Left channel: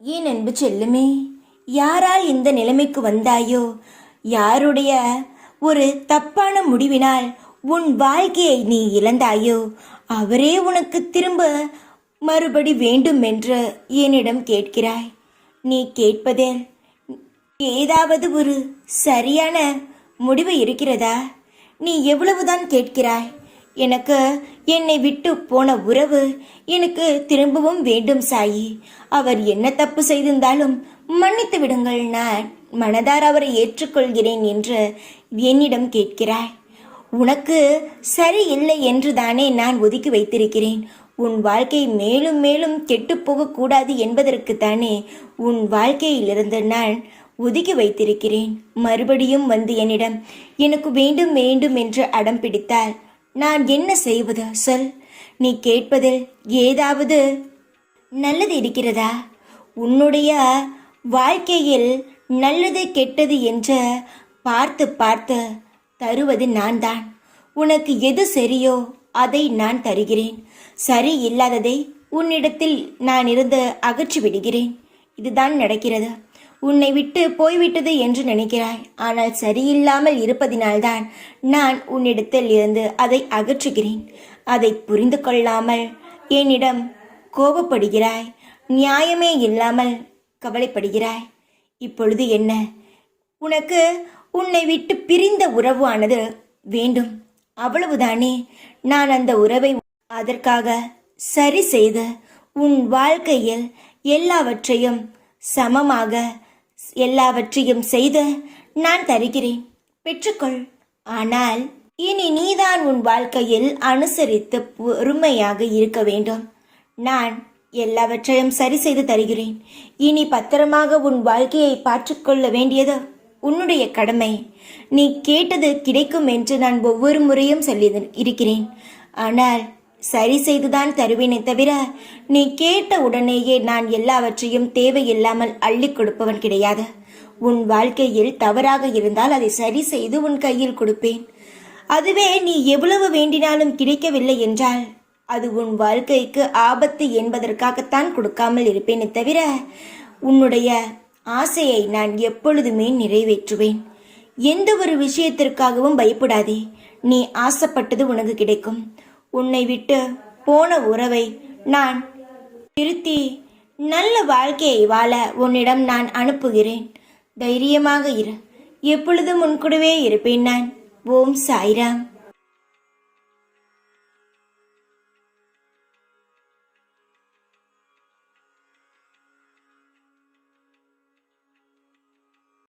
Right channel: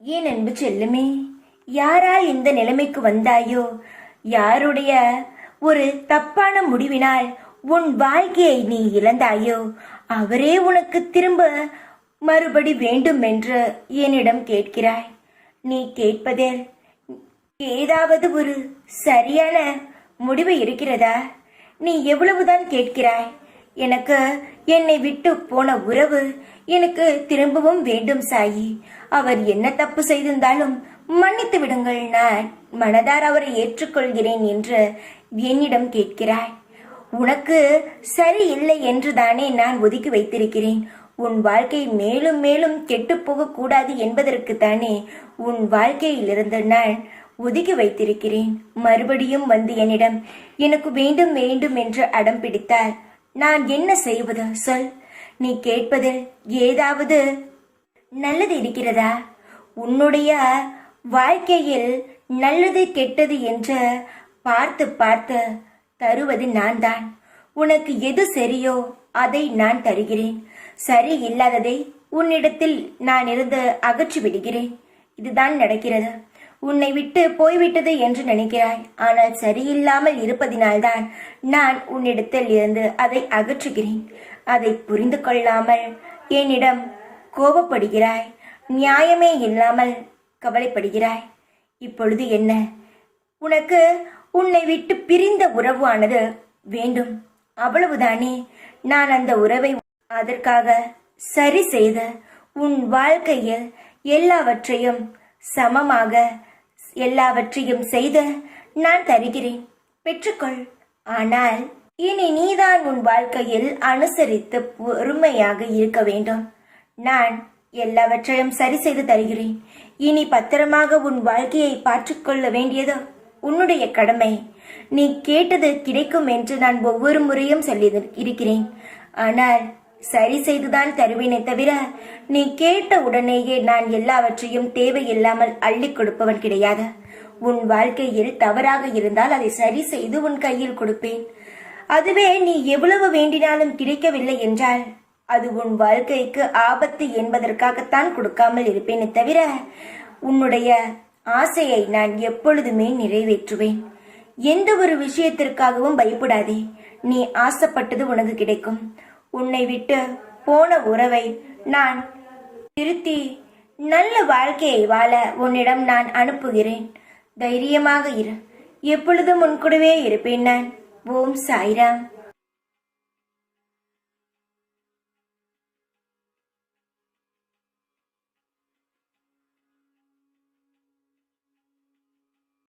ஏன் அன்பு செல்லுமே, யாரால் இந்த நிலைமைக்கு வந்தாயோ, யாருடைய ஒரு தப்பான முடிவினால் உன் வாழ்க்கையை நீ இழந்தாயோ, அவரே உனக்கு திரும்ப மறுபடி வேண்டும் என்று என்னிடம் கேட்கிறாய். நீ கேட்பதில் ஏதாவது ஒரு சரியான முடிவு இருக்கிறதா? நீ எவ்வளவுதான் கேட்கிறாய்? எனக்கு என்னை விட்டு போன உறவு எனக்கு திரும்பவும் வேண்டும் சாயி. அவர் என்ன தப்பு செய்திருந்தாலும் மன்னித்து விடுங்கள், நான் மனதார அவரை ஏற்றுக்கொள்கிறேன் என்று என்னிடம் கேட்கிறாய். உனக்கு சரியில்லை என்று தானே நான் ஒதுக்கி வைத்திருக்கிறேன். உன் வாழ்க்கை மேலும் மேலும் கெட்டுப்போக கூடாது என்பதற்கு தானே உன் வாழ்க்கையிலிருந்து நான் ஒதுக்கி வைத்திருக்கிறேன். மறுபடியும் வந்து என்னிடம் எனக்கு வேண்டும் வேண்டும் என்று அடம் பிடித்தால் நான் என்ன செய்வது சொல்? நீ கேட்பதில் ஏதாவது நல்லது இருக்கிறதா? உன்னுடைய வாழ்க்கையில் நல்லது கெட்டது என்று பார்த்து பார்த்து தருவது நான் தான். உனக்கு எது சரியோ அதை நான் தருகிறேன். சரி இல்லாததை உன்னிடத்தில் நான் இருந்து அகற்றி விடுகிறேன். இதுதான் நடக்கிறது. உன்னை விட்டு போய்விட்டது என்று நினைக்கிறாய். ஆனால் சரியில்லாமல் இருப்பதினால்தான் நான் உன்னிடத்தில் இருந்து அதை அகற்றுகிறேன். அதை புரிந்து கொள்ளாமல் என்னிடம் கோபப்படுகிறாய். நியாயமே இல்லாமல் கவலைப்படுகிறாய். இப்பொழுது என்ன? உனக்கு உன்னை விட்டு பிரிந்த உறவு ஆனது வேண்டும், அவ்வளவுதானே? நான் அந்த உறவை அதற்காக சரி செய்து உன் வாழ்க்கையில் எல்லாவற்றையும் சமமாக எல்லாவற்றையும் செய்து நான் தருகிறேன், பெற்றுக்கொள். ஆனால் இனி நீதான் உன் வாழ்க்கையில் அனுசரித்து பொறுமையாக இருக்க வேண்டும். நான் எல்லாவற்றையும் சரி செய்து தருகிறேன். இனி பத்திரமாக உன் வாழ்க்கையை பார்த்துக்கொள்ள வேண்டியது உன்னுடைய கடமை. நீ கேட்டது கிடைக்கும் என்று நான் ஒவ்வொரு முறையும் சொல்லி இருக்கிறேன். ஆனால் சரி செய்துதான் தருவேனே தவிர நீ கேட்ட உடனேயே நான் எல்லாவற்றையும் தேவையில்லாமல் அள்ளி கொடுப்பவன் கிடையாது. உன் வாழ்க்கையில் தவறாக இருந்தால் அதை சரி செய்து உன் கையில் கொடுப்பேன். அதுவே நீ எவ்வளவு வேண்டினாலும் கிடைக்கவில்லை என்றால் அது உன் வாழ்க்கைக்கு ஆபத்து என்பதற்காகத்தான் கொடுக்காமல் இருப்பேனே தவிர உன்னுடைய ஆசையை நான் எப்பொழுதுமே நிறைவேற்றுவேன். எந்த ஒரு விஷயத்திற்காகவும் பயப்படாதே. நீ ஆசைப்பட்டது உனக்கு கிடைக்கும். உன்னை விட்டு போன உறவை நான் திருத்தி நல்ல வாழ்க்கையை வாழ உன்னிடம் நான் அனுப்புகிறேன். தைரியமாக இரு. எப்பொழுதும் உன் கூடவே இருப்பேன் நான். ஓம் சாய்ராம்.